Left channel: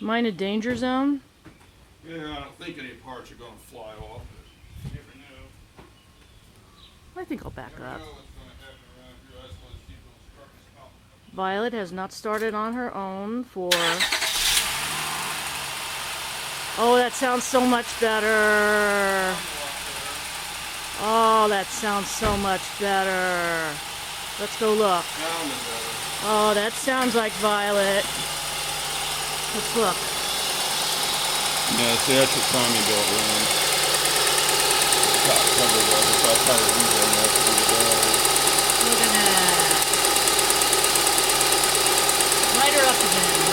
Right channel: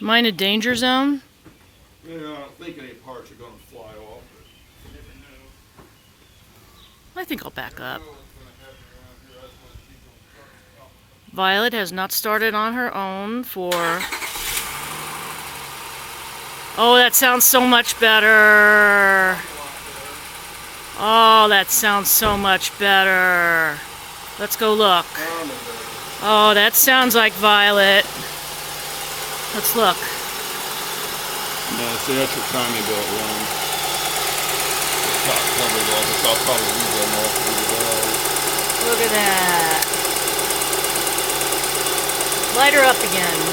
Am I in a danger zone? Yeah, I don't think any parts are going to fly off. You never know. I think I'll back You up. never know what's going to happen around here. That's why they keep those trucks stopping. Violet has not started on her own for... Oh, that sounds so much better. Oh, that sounds so much better. Let's go look. Oh, that sounds like Violet. Let's look. Yeah, see, that's your timing belt wrong. The top covers off, so I'll probably leave them off to the valve. Look at that. Light her up again.